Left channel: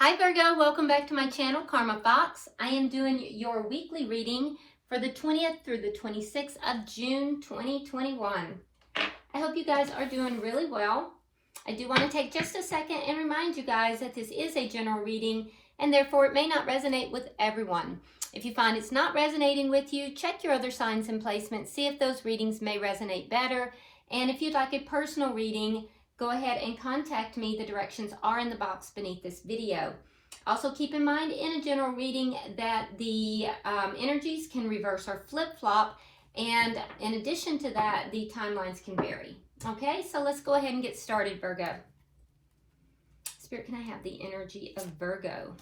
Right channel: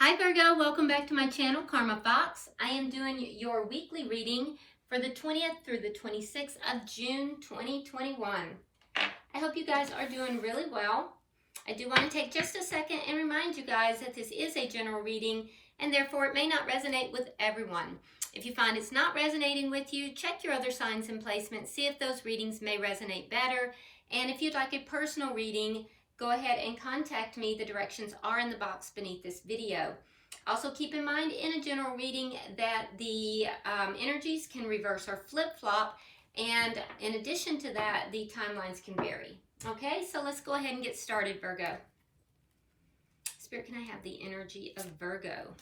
Hi Virgo, welcome back to my channel, Karma Fox. I am doing your weekly reading for the 20th through the 26th of June 2021. I hope you guys are doing really well. I do want to take just a second and remind you guys that this is a general reading and therefore it may not resonate with everyone. If you find it's not resonating with you, check your other signs and placements, see if those readings may resonate better. And if you'd like a personal reading, go ahead and contact me. The directions are in the box beneath this video. Also keep in mind in a general reading that the energies can reverse or flip-flop, and in addition to that, the timelines can vary. Okay, so let's go ahead and get started, Virgo. Spirit, can I have the energy of Virgo?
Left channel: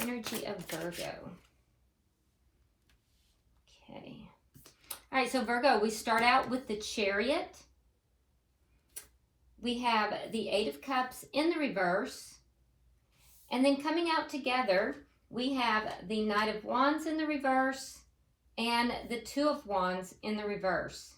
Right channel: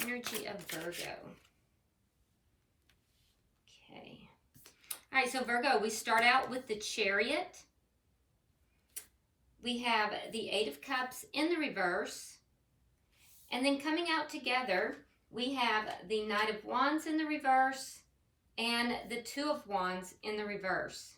Energy of Virgo. Okay. All right, so Virgo, we start out with the Chariot. We have the Eight of Cups in the reverse. And then coming out together, we have the Knight of Wands in the reverse and the Two of Wands in the reverse.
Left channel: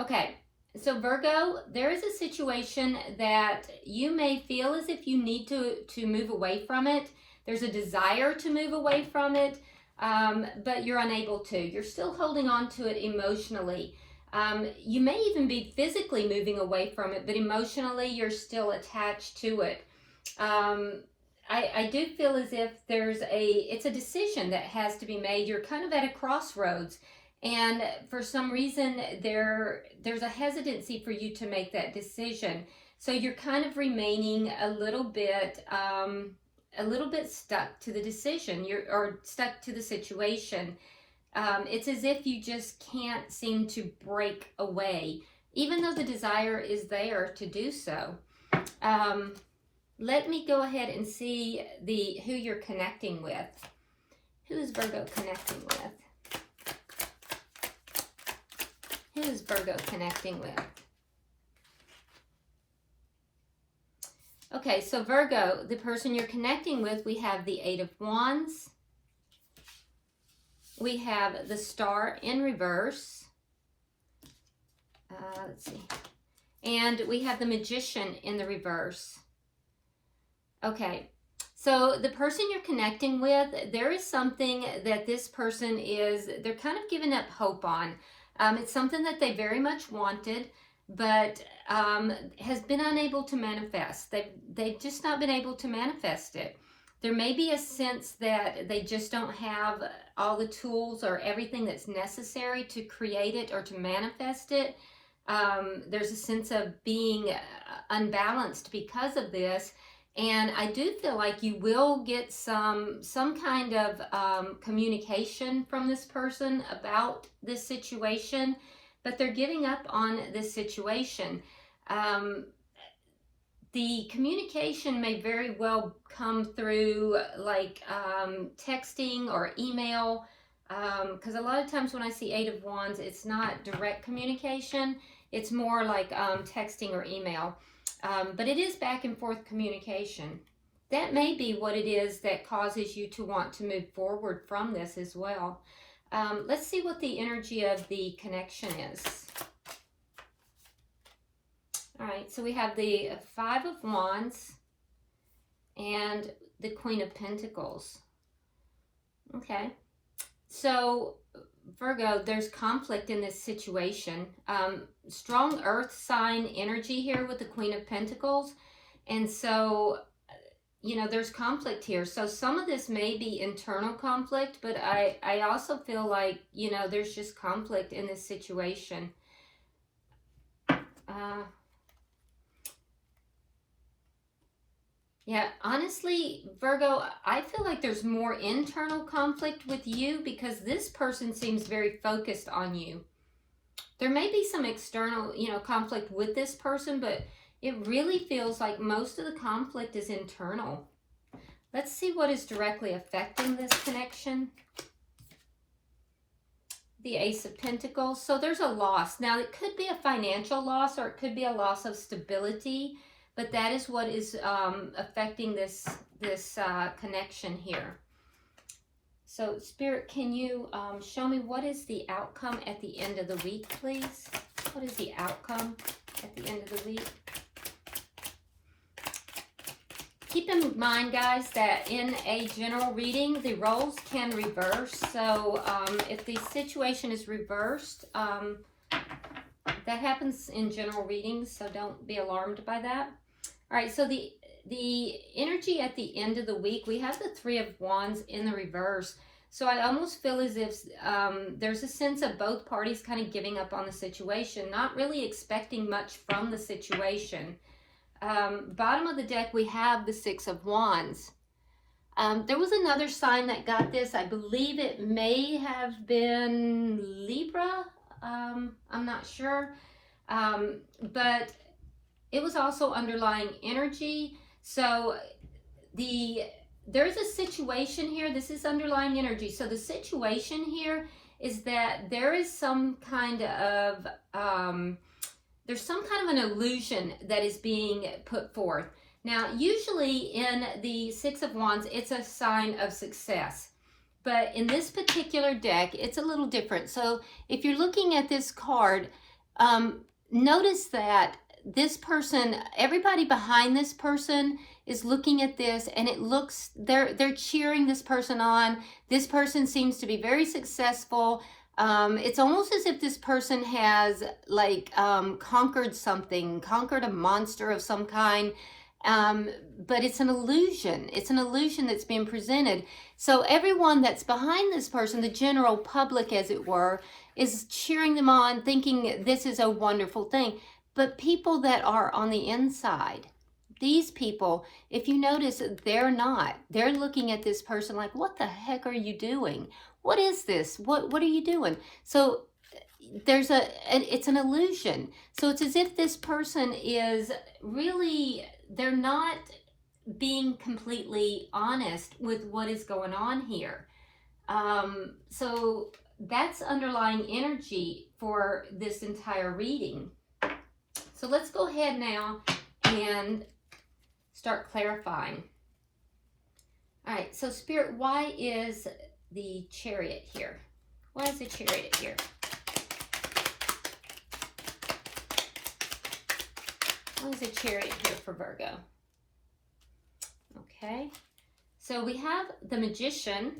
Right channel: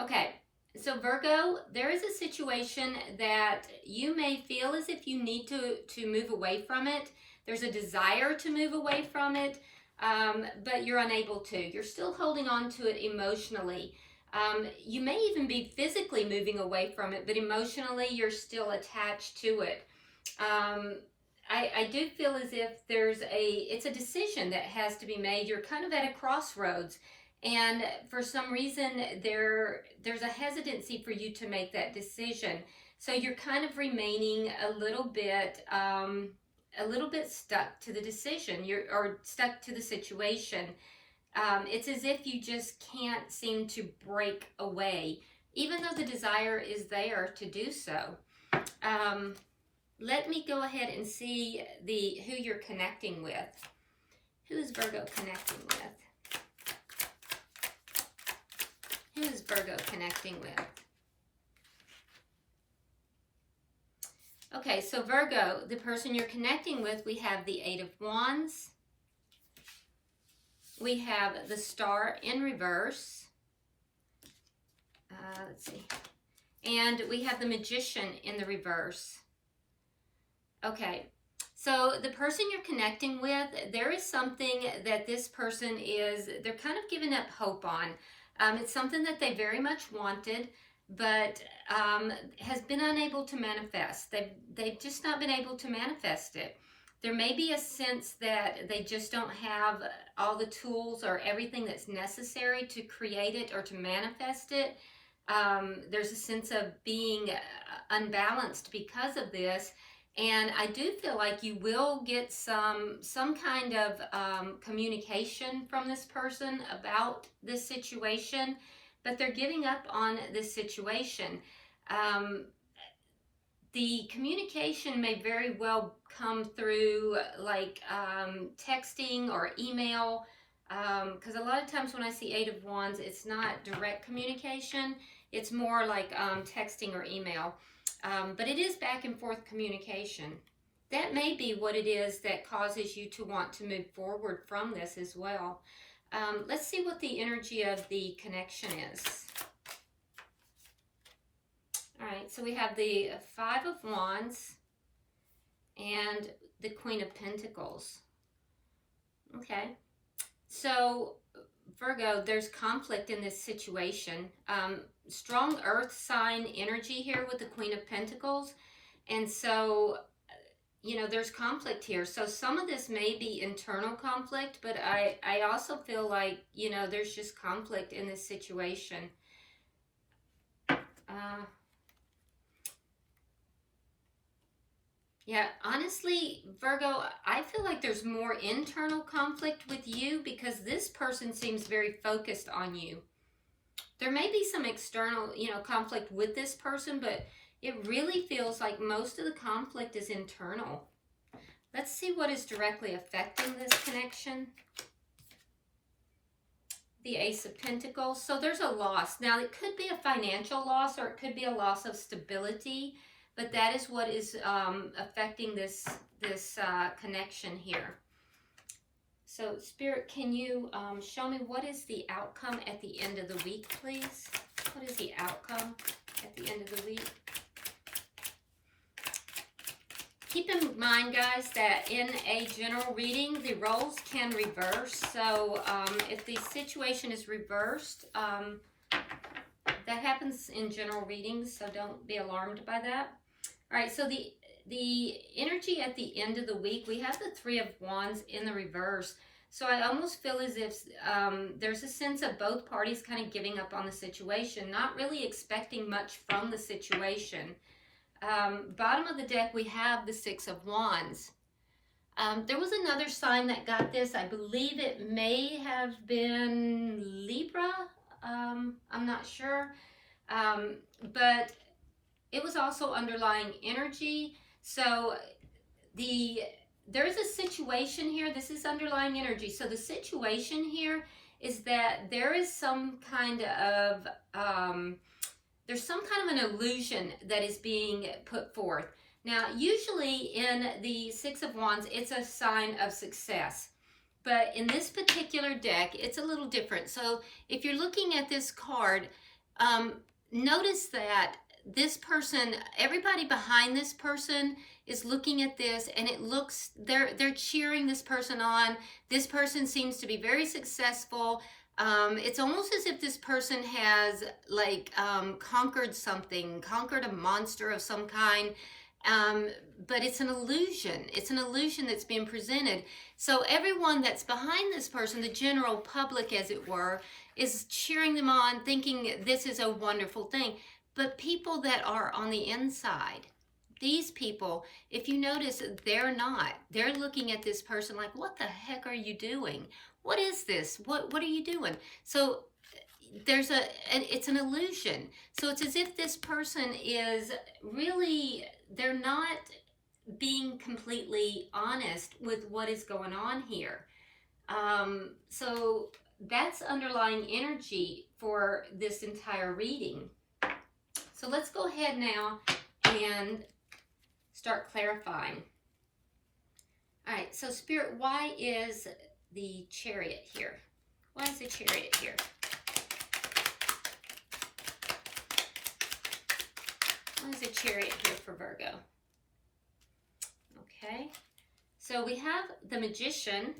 Okay, so Virgo, there is a situation that you may feel as if you need to move away from it. There's a desire to move away from it, but you're unable to. You're still holding on to it emotionally. You may even be physically moving away from it, but emotionally you're still attached to it. I do feel as if it's a decision that has to be made. You're kind of at a crossroads, and for some reason there's a hesitancy for you to make that decision. So you're kind of remaining a little bit stuck to the decision, or stuck to the situation. It's as if you just can't seem to break away, even though the desire is there to do so. Let me go ahead and see who you're connecting with. Who is Virgo connecting with? Who is Virgo connecting with? Okay, so Virgo, the person you're connecting with, we have the Eight of Wands. We have the Star in reverse. Let's see. And we have the Magician in the reverse. Okay, so the person you're connecting with, there is something that this person they're kind of giving up hope on. It's something that they very much wanted, but has been unable to manifest. They've just not been able to manifest it. There may be a sense that they just don't have all the tools or everything that's necessary to create it or to manifest it. There's a sense of being unbalanced because of this. And I do feel like you will get some kind of communication from this person about this situation, but they're giving up on this situation. The communication may very well come through like texting or email, because a lot of times when I see Eight of Wands, it's not direct communication. It's more like texting or email. But it is back and forth communication. That may be what it is that causes you to want to move forward from this as well. Let's see what the energy of the connection is. All right, so we have the Five of Wands and the Queen of Pentacles. Okay, so Virgo, there's conflict in this situation. Strong earth sign energy here with the Queen of Pentacles. And so, you know, there's conflict here. So some of this may be internal conflict, but I also feel like, you know, there's just conflict in this situation. Yeah, honestly, Virgo, I feel like there's more internal conflict with you because this person seems very focused on you. There may be some external, you know, conflict with this person, but it really feels like most of the conflict is internal. Let's see what is directly affecting this connection. The Ace of Pentacles. So there's a loss. Now, it could be a financial loss or it could be a loss of stability. But that is what is affecting this connection here. So, Spirit, can you show me what is the outcome at the end of the week, please? What is the outcome at the end of the week? keep in mind, guys, that in a general reading, the roles can reverse. So if the situation is reversed, that happens in general readings, so don't be alarmed by that. All right, so the energy at the end of the week, we have the Three of Wands in the reverse. So I almost feel as if there's a sense of both parties kind of giving up on the situation, not really expecting much from the situation. Bottom of the deck, we have the Six of Wands. There was another sign that got this. I believe it may have been Libra. I'm not sure. But it was also underlying energy. So there's a situation here. This is underlying energy. So the situation here is that there is some kind of there's some kind of an illusion that is being put forth. Now, usually in the Six of Wands, it's a sign of success. But in this particular deck, it's a little different. So if you're looking at this card, notice that this person, everybody behind this person is looking at this, and it looks, they're cheering this person on. This person seems to be very successful. It's almost as if this person has like conquered something, conquered a monster of some kind. But it's an illusion. It's an illusion that's being presented. So everyone that's behind this person, the general public as it were, is cheering them on, thinking this is a wonderful thing. But people that are on the inside, these people, if you notice, they're not. They're looking at this person like, what the heck are you doing? What is this? What are you doing? So there's it's an illusion. So it's as if this person is really, they're not being completely honest with what is going on here. So that's underlying energy for this entire reading. So let's go ahead now and start clarifying. All right, so Spirit, why is the Chariot here? Why is the Chariot here? Why is the Chariot here for Virgo? Okay, so we have the Magician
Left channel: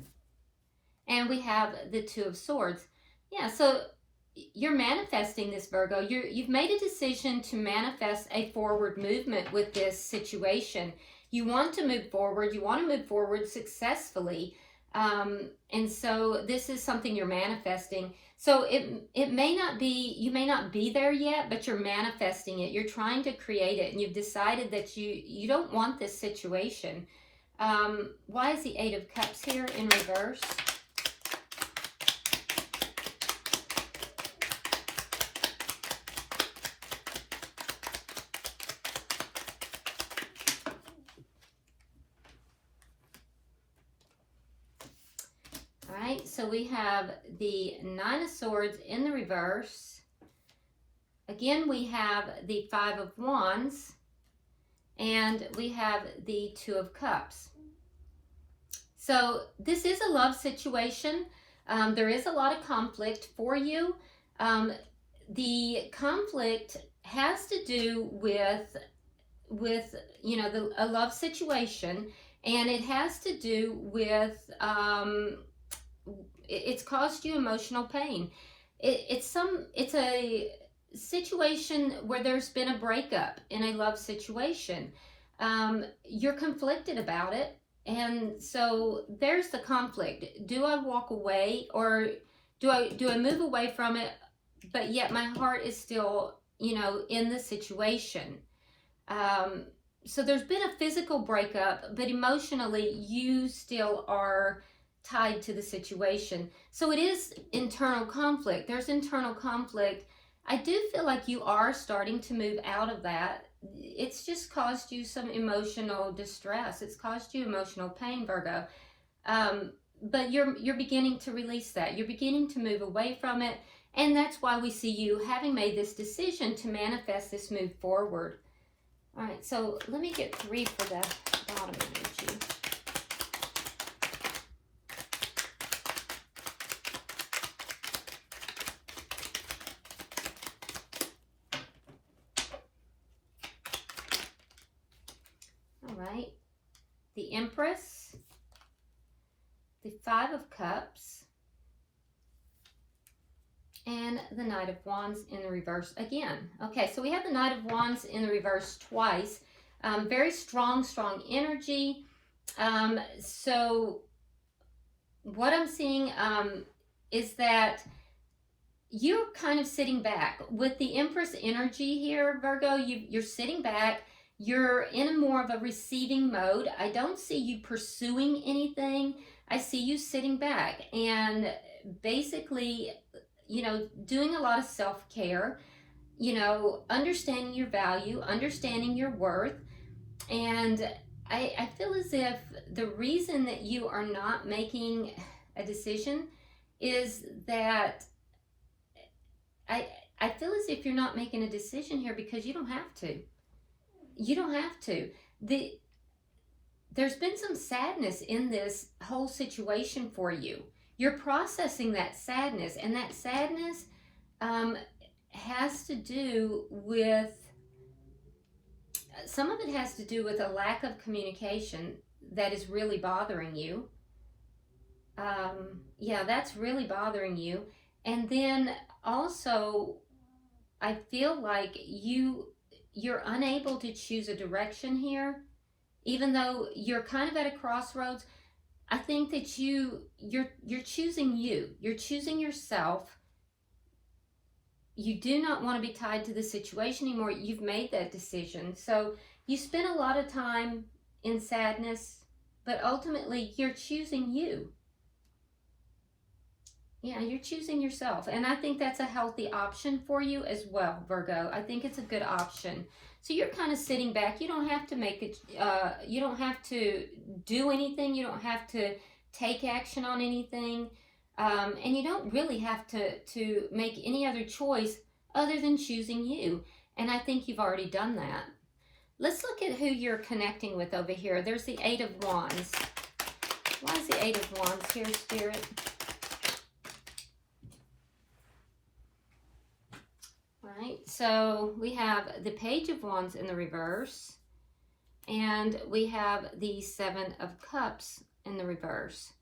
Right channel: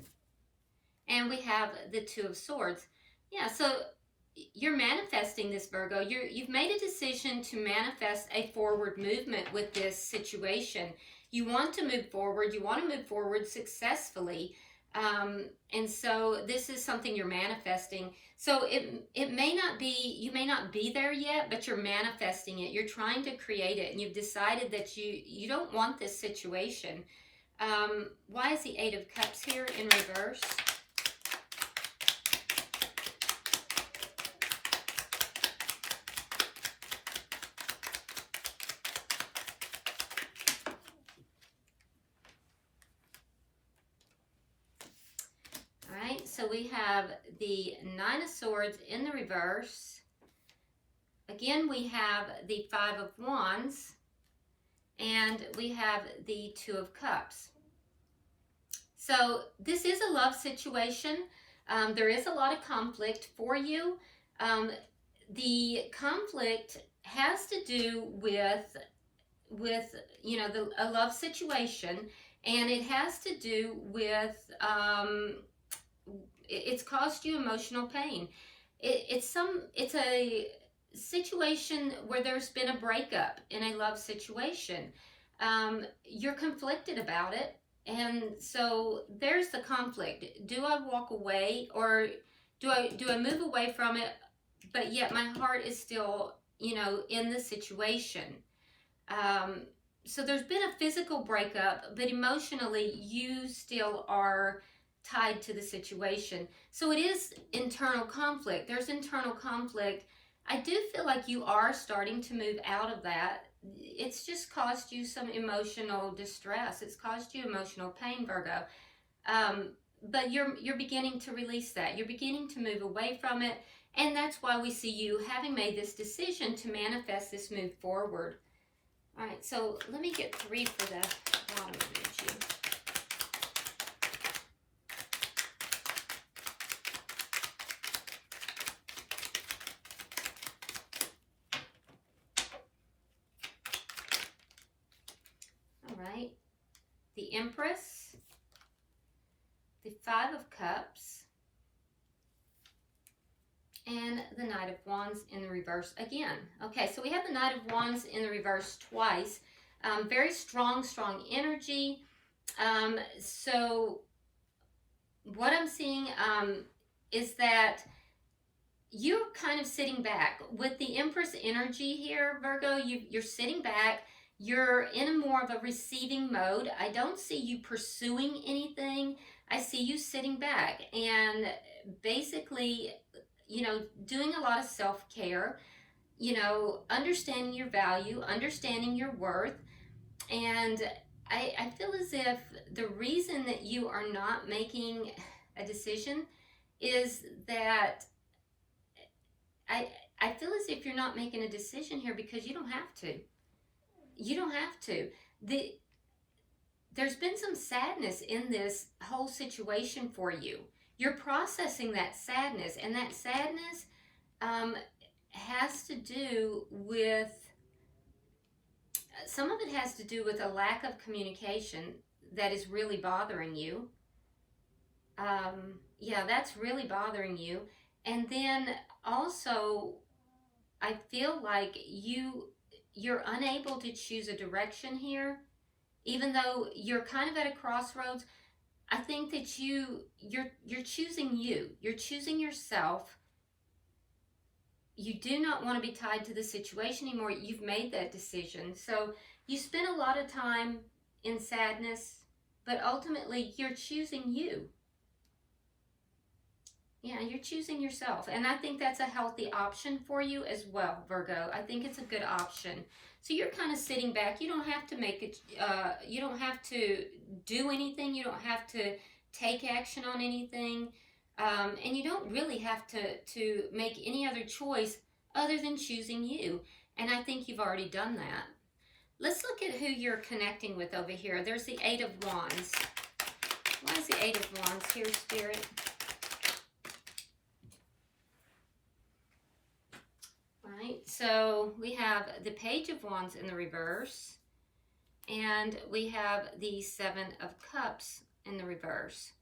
and we have the Two of Swords. Yeah, so you're manifesting this, Virgo. You've made a decision to manifest a forward movement with this situation. You want to move forward. You want to move forward successfully. And so this is something you're manifesting. So it may not be, you may not be there yet, but you're manifesting it. You're trying to create it, and you've decided that you don't want this situation. Why is the Eight of Cups here in reverse? So we have the Nine of Swords in the reverse. Again, we have the Five of Wands, and we have the Two of Cups. So this is a love situation. There is a lot of conflict for you. The conflict has to do with you know, a love situation, and it has to do with it's caused you emotional pain. It's a situation where there's been a breakup in a love situation. You're conflicted about it, and so there's the conflict. Do I walk away, or do I move away from it, but yet my heart is still, you know, in the situation? So there's been a physical breakup, but emotionally you still are tied to the situation. So it is internal conflict. There's internal conflict. I do feel like you are starting to move out of that. It's just caused you some emotional distress. It's caused you emotional pain, Virgo. But you're beginning to release that. You're beginning to move away from it. And that's why we see you having made this decision to manifest this move forward. All right, so let me get 3 for the bottom energy. the Empress, the Five of Cups, and the Knight of Wands in the reverse again. Okay, so we have the Knight of Wands in the reverse twice. Very strong energy. So what I'm seeing is that you're kind of sitting back. With the Empress energy here, Virgo, you're sitting back. You're in a more of a receiving mode. I don't see you pursuing anything. I see you sitting back and basically, you know, doing a lot of self-care, you know, understanding your value, understanding your worth. And I feel as if the reason that you are not making a decision is that I feel as if you're not making a decision here because you don't have to. You don't have to. There's been some sadness in this whole situation for you. You're processing that sadness, and that sadness has to do with, some of it has to do with a lack of communication that is really bothering you. Yeah, that's really bothering you. And then also, I feel like you're unable to choose a direction here, even though you're kind of at a crossroads. I think that you're choosing you. You're choosing yourself. You do not want to be tied to the situation anymore. You've made that decision. So you spend a lot of time in sadness, but ultimately you're choosing you. Yeah, you're choosing yourself. And I think that's a healthy option for you as well, Virgo. I think it's a good option. So you're kind of sitting back. You don't have to make it, you don't have to do anything. You don't have to take action on anything. And you don't really have to make any other choice other than choosing you. And I think you've already done that. Let's look at who you're connecting with over here. There's the Eight of Wands. Why is the Eight of Wands here, Spirit? Right, so we have the Page of Wands in the reverse, and we have the Seven of Cups in the reverse.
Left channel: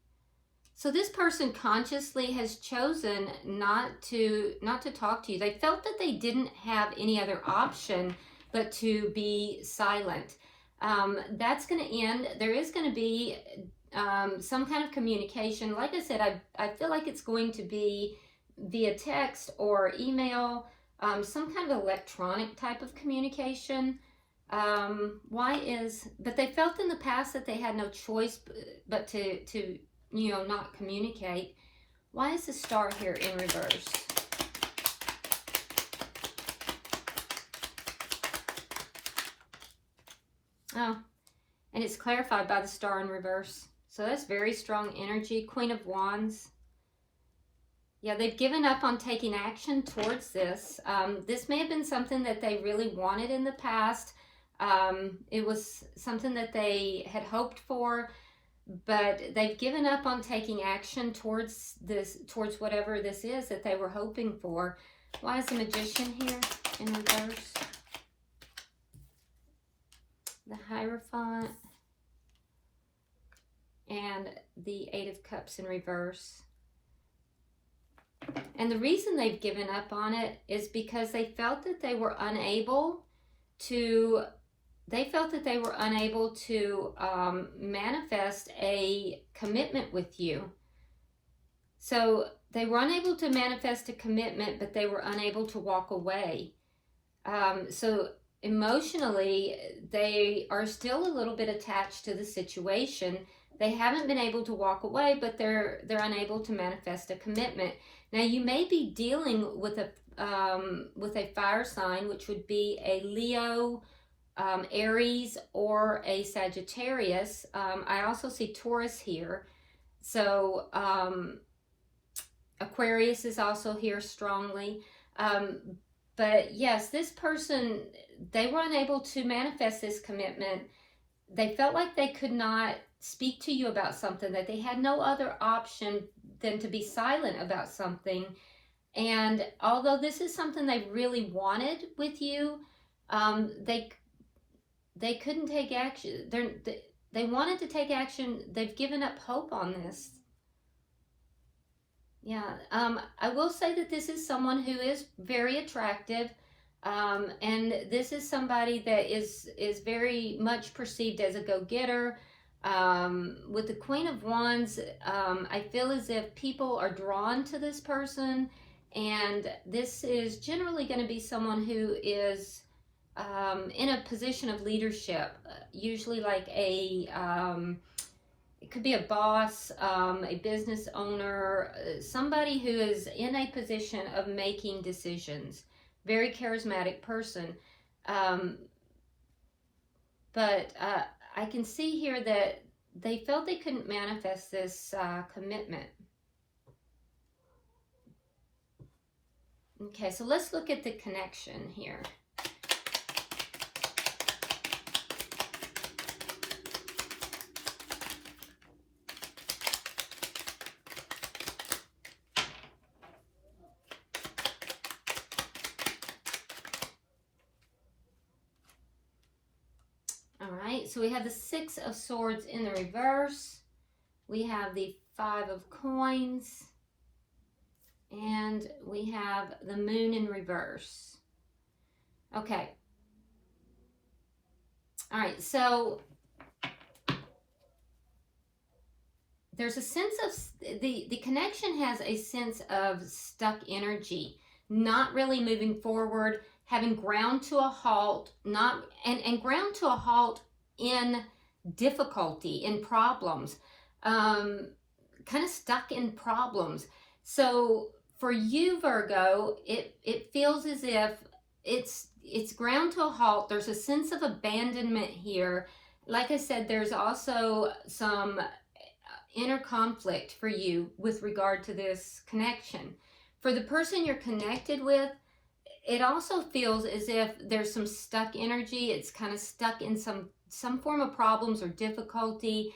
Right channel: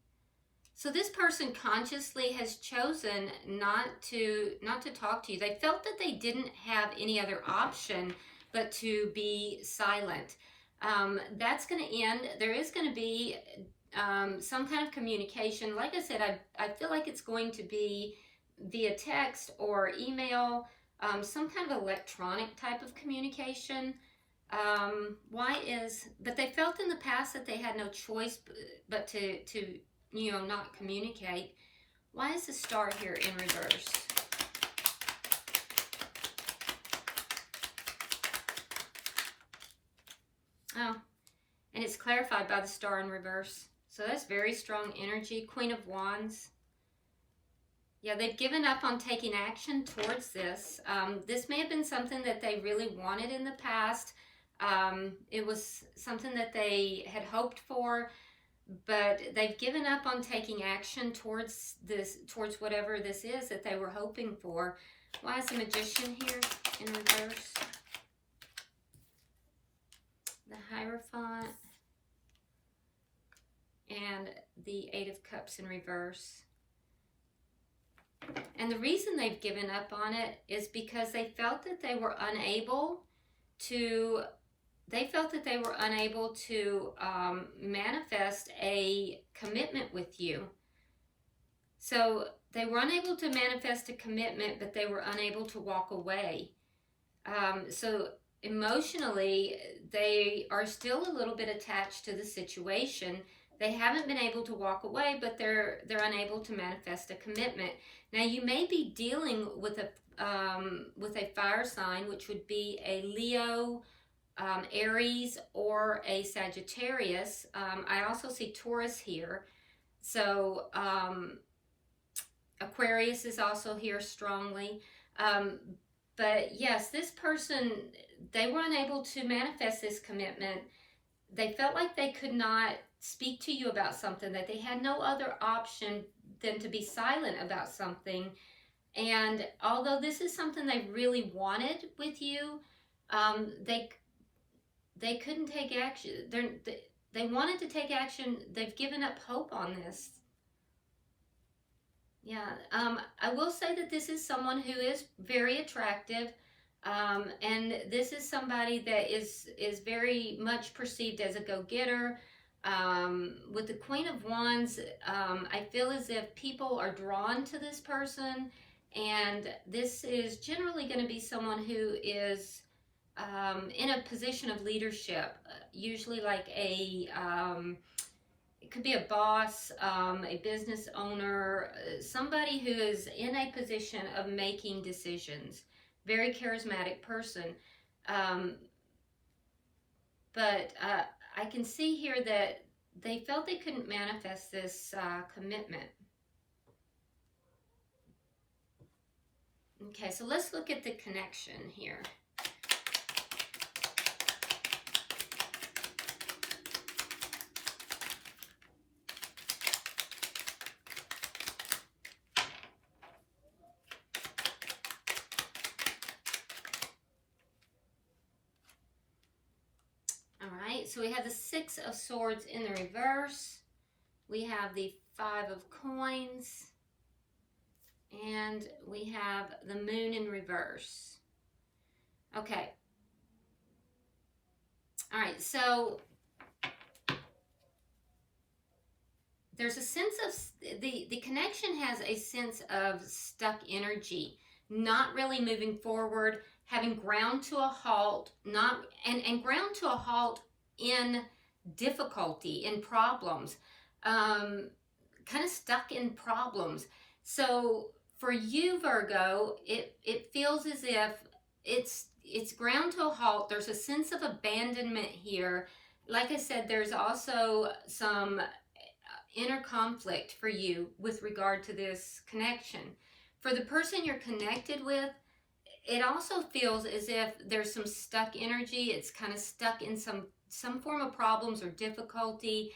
So this person consciously has chosen not to talk to you. They felt that they didn't have any other option but to be silent. That's going to end. There is going to be some kind of communication. Like I said, I feel like it's going to be via text or email. Some kind of electronic type of communication. But they felt in the past that they had no choice but to you know, not communicate. Why is the Star here in reverse? Oh, and it's clarified by the Star in reverse. So that's very strong energy. Queen of Wands. Yeah, they've given up on taking action towards this. This may have been something that they really wanted in the past. It was something that they had hoped for, but they've given up on taking action towards this, towards whatever this is that they were hoping for. Why is the Magician here in reverse? The Hierophant and the Eight of Cups in reverse. And the reason they've given up on it is because they felt that they were unable to, manifest a commitment with you. So they were unable to manifest a commitment, but they were unable to walk away. So emotionally, they are still a little bit attached to the situation. They haven't been able to walk away, but they're unable to manifest a commitment. Now, you may be dealing with a fire sign, which would be a Leo, Aries, or a Sagittarius. I also see Taurus here. So Aquarius is also here strongly. But yes, this person, they were unable to manifest this commitment. They felt like they could not speak to you about something, that they had no other option than to be silent about something. And although this is something they really wanted with you, they couldn't take action. they wanted to take action. They've given up hope on this. Yeah, I will say that this is someone who is very attractive, and this is somebody that is very much perceived as a go-getter. With the Queen of Wands, I feel as if people are drawn to this person, and this is generally going to be someone who is in a position of leadership, usually like it could be a boss, a business owner, somebody who is in a position of making decisions. Very charismatic person. But I can see here that they felt they couldn't manifest this commitment. Okay, so let's look at the connection here. So we have the Six of Swords in the reverse. We have the Five of Coins. And we have the Moon in reverse. Okay. All right, so there's a sense of, the connection has a sense of stuck energy, not really moving forward, having ground to a halt, and ground to a halt in difficulty, in problems, kind of stuck in problems. So for you, Virgo, it feels as if it's ground to a halt. There's a sense of abandonment here. Like I said, there's also some inner conflict for you with regard to this connection. For the person you're connected with, it also feels as if there's some stuck energy. It's kind of stuck in some form of problems or difficulty,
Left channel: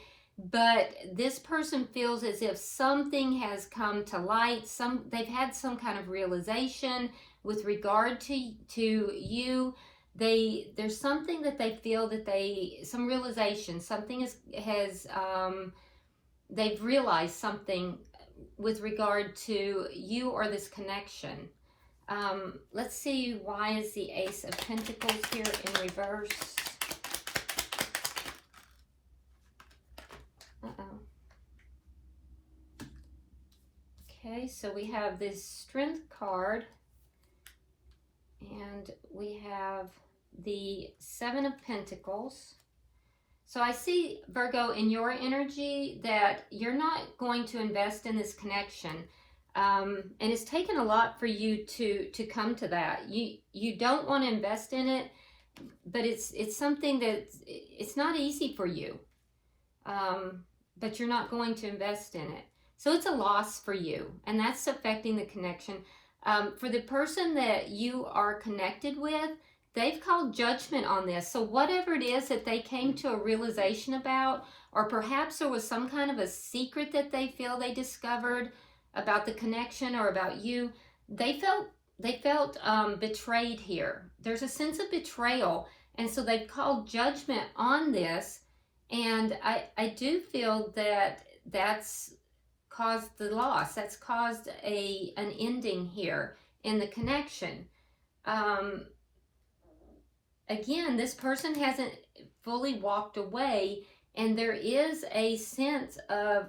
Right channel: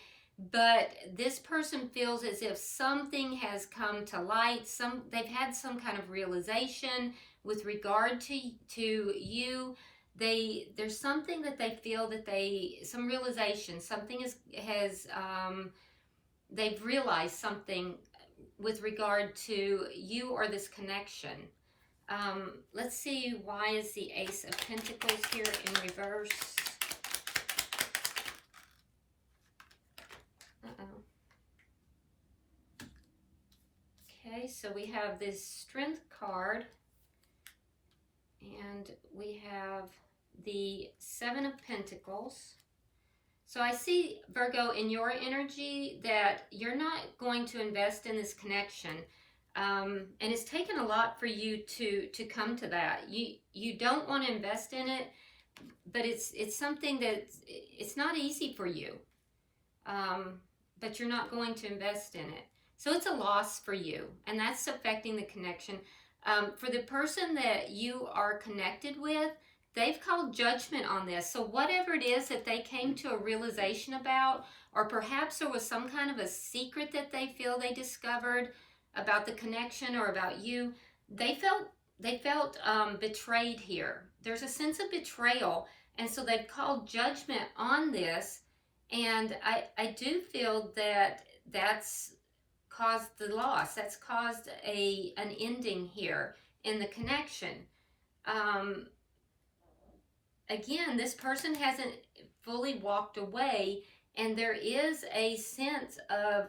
but this person feels as if something has come to light. They've had some kind of realization with regard to you. There's something that they feel that some realization, something they've realized something with regard to you or this connection. Let's see, why is the Ace of Pentacles here in reverse? Okay, so we have this Strength card, and we have the Seven of Pentacles. So I see, Virgo, in your energy that you're not going to invest in this connection. And it's taken a lot for you to come to that. You don't want to invest in it, but it's something that it's not easy for you. But you're not going to invest in it. So it's a loss for you, and that's affecting the connection. For the person that you are connected with, they've called judgment on this. So whatever it is that they came to a realization about, or perhaps there was some kind of a secret that they feel they discovered about the connection or about you, they felt betrayed here. There's a sense of betrayal, and so they've called judgment on this. And I do feel that that's caused the loss. That's caused an ending here in the connection. Again, this person hasn't fully walked away, and there is a sense of,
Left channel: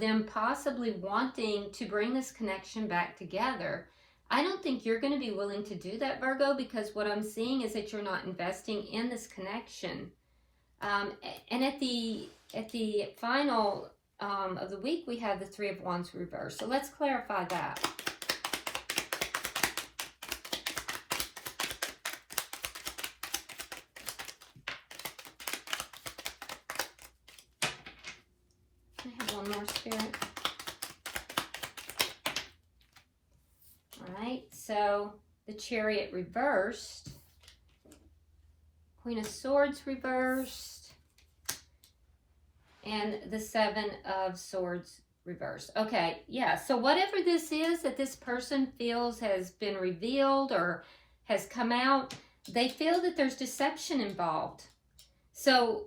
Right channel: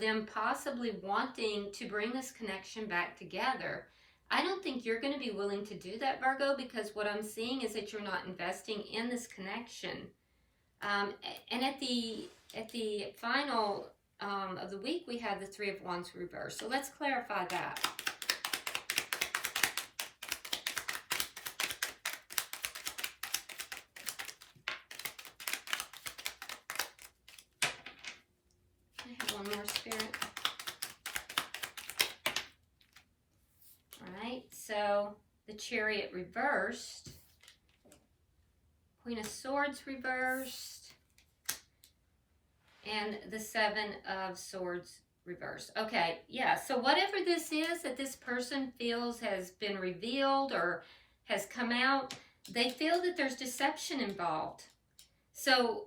them possibly wanting to bring this connection back together. I don't think you're going to be willing to do that, Virgo, because what I'm seeing is that you're not investing in this connection. And at the final of the week, we have the Three of Wands reversed. So let's clarify that. I have one more, Spirit. All right, so the Chariot reversed, Queen of Swords reversed, and the Seven of Swords reversed. Okay, yeah, so whatever this is that this person feels has been revealed or has come out, they feel that there's deception involved. So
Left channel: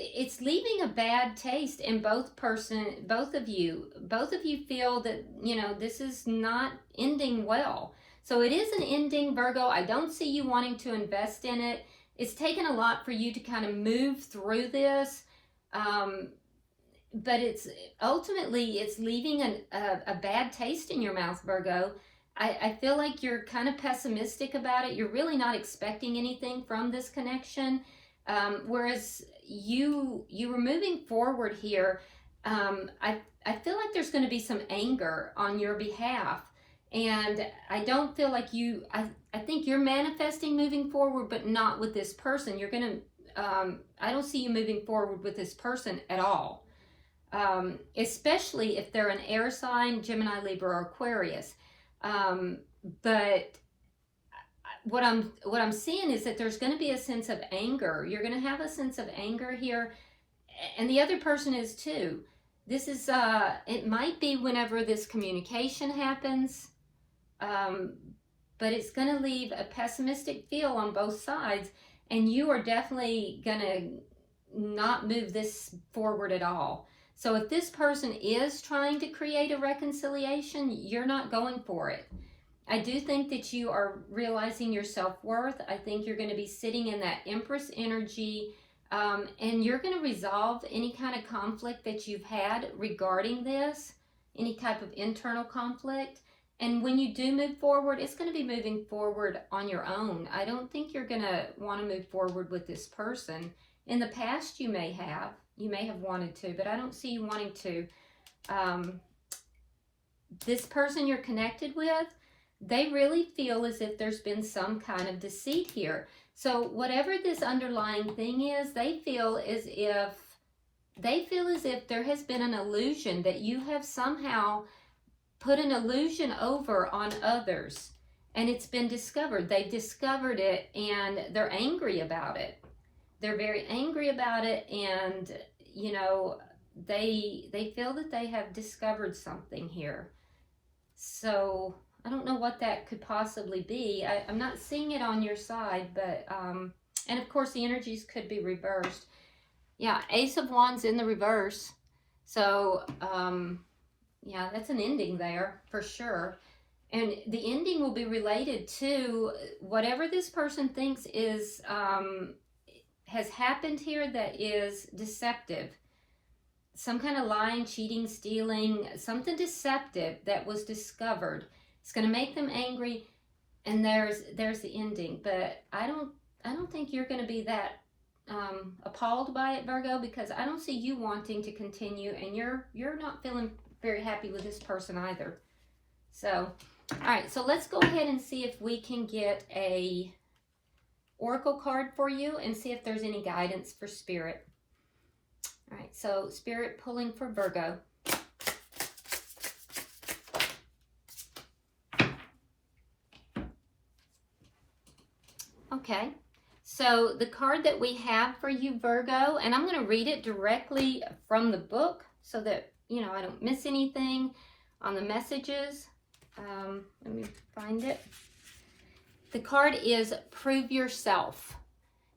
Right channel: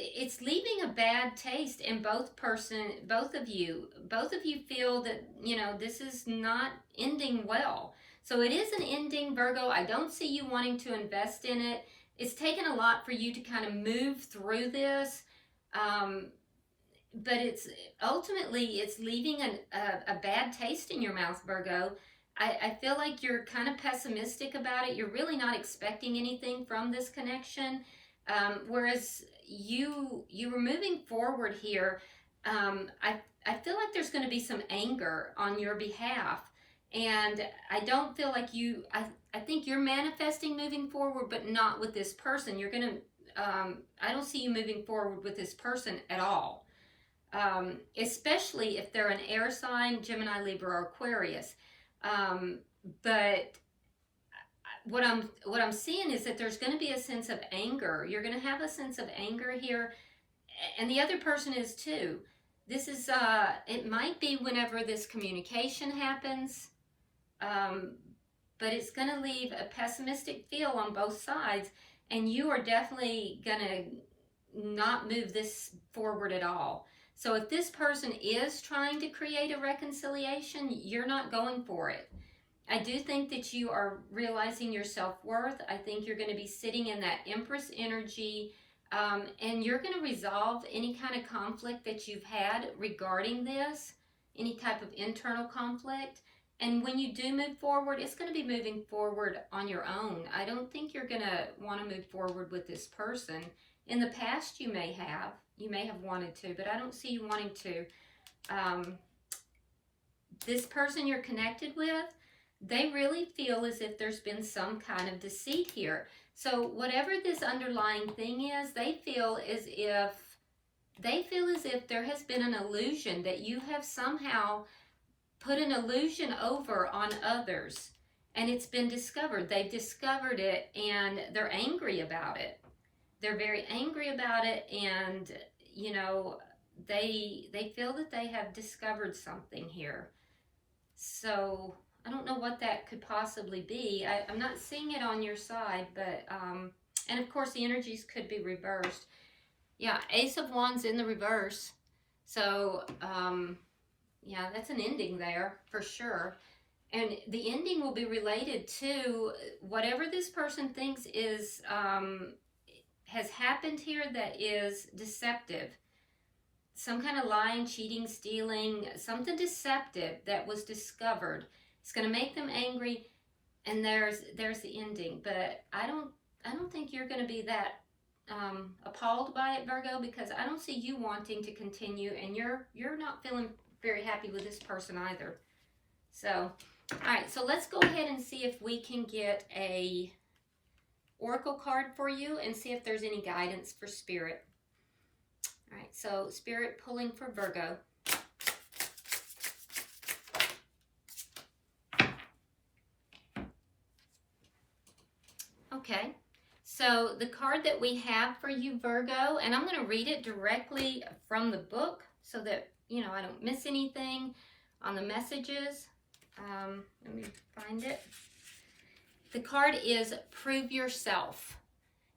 it's leaving a bad taste in both of you. Both of you feel that, you know, this is not ending well. So it is an ending, Virgo. I don't see you wanting to invest in it. It's taken a lot for you to kind of move through this. But it's ultimately, it's leaving a bad taste in your mouth, Virgo. I feel like you're kind of pessimistic about it. You're really not expecting anything from this connection. Whereas you were moving forward here. I feel like there's going to be some anger on your behalf. And I don't feel like I think you're manifesting moving forward, but not with this person. You're going to, I don't see you moving forward with this person at all. Especially if they're an air sign, Gemini, Libra, or Aquarius. But what I'm seeing is that there's going to be a sense of anger. You're going to have a sense of anger here, and the other person is too. This is it might be whenever this communication happens, but it's going to leave a pessimistic feel on both sides, and you are definitely going to not move this forward at all. So if this person is trying to create a reconciliation, you're not going for it. I do think that you are realizing your self-worth. I think you're going to be sitting in that Empress energy, and you're going to resolve any kind of conflict that you've had regarding this, any type of internal conflict. And when you do move forward, it's going to be moving forward on your own. I don't think you're going to want to move forward with this person. In the past, you may have wanted to, but I don't see you wanting to. This person you're connected with, they really feel as if there's been some kind of deceit here. So whatever this underlying thing is, they feel as if there has been an illusion, that you have somehow put an illusion over on others, and it's been discovered. They've discovered it, and they're angry about it. They're very angry about it, and you know, they feel that they have discovered something here. So I don't know what that could possibly be. I'm not seeing it on your side, but and of course the energies could be reversed. Yeah, Ace of Wands in the reverse. So yeah, that's an ending there for sure. And the ending will be related to whatever this person thinks is has happened here that is deceptive. Some kind of lying, cheating, stealing, something deceptive that was discovered. It's going to make them angry, and there's the ending. But I don't think you're going to be that appalled by it, Virgo, because I don't see you wanting to continue, and you're not feeling very happy with this person either. So, all right, so let's go ahead and see if we can get a oracle card for you and see if there's any guidance for Spirit. All right, so Spirit pulling for Virgo. Okay, so the card that we have for you, Virgo, and I'm going to read it directly from the book so that, you know, I don't miss anything on the messages. Let me find it. The card is Prove Yourself.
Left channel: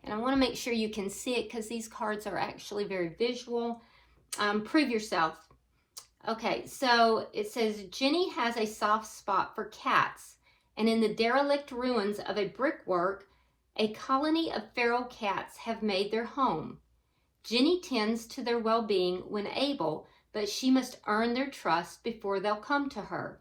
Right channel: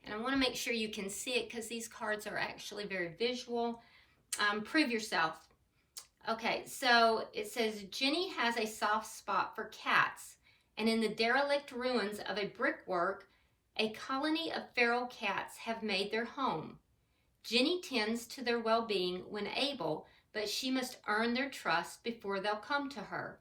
And I want to make sure you can see it because these cards are actually very visual. Prove Yourself. Okay, so it says, Jenny has a soft spot for cats, and in the derelict ruins of a brickwork, a colony of feral cats have made their home. Jenny tends to their well-being when able, but she must earn their trust before they'll come to her.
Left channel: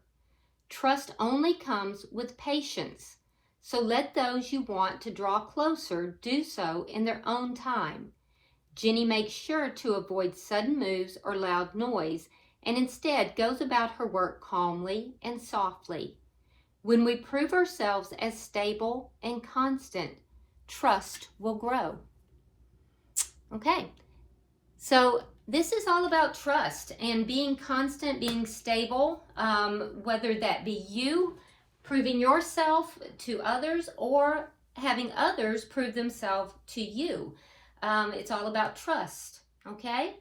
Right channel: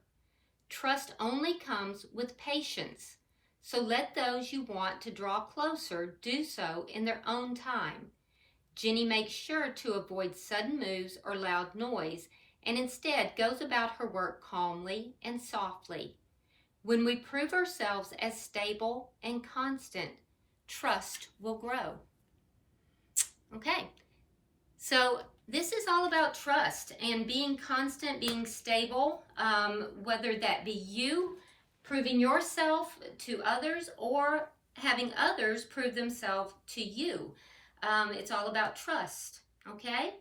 Trust only comes with patience, so let those you want to draw closer do so in their own time. Jenny makes sure to avoid sudden moves or loud noise, and instead goes about her work calmly and softly. When we prove ourselves as stable and constant, trust will grow. Okay, so this is all about trust and being constant, being stable, whether that be you proving yourself to others or having others prove themselves to you. It's all about trust, okay?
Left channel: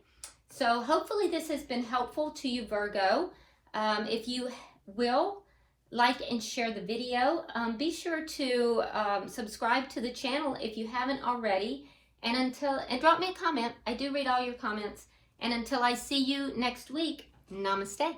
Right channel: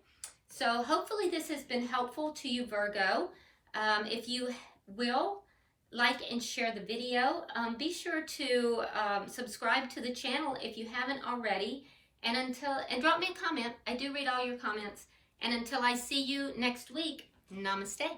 So hopefully this has been helpful to you, Virgo. If you will like and share the video, be sure to subscribe to the channel if you haven't already, And drop me a comment. I do read all your comments. And until I see you next week, namaste.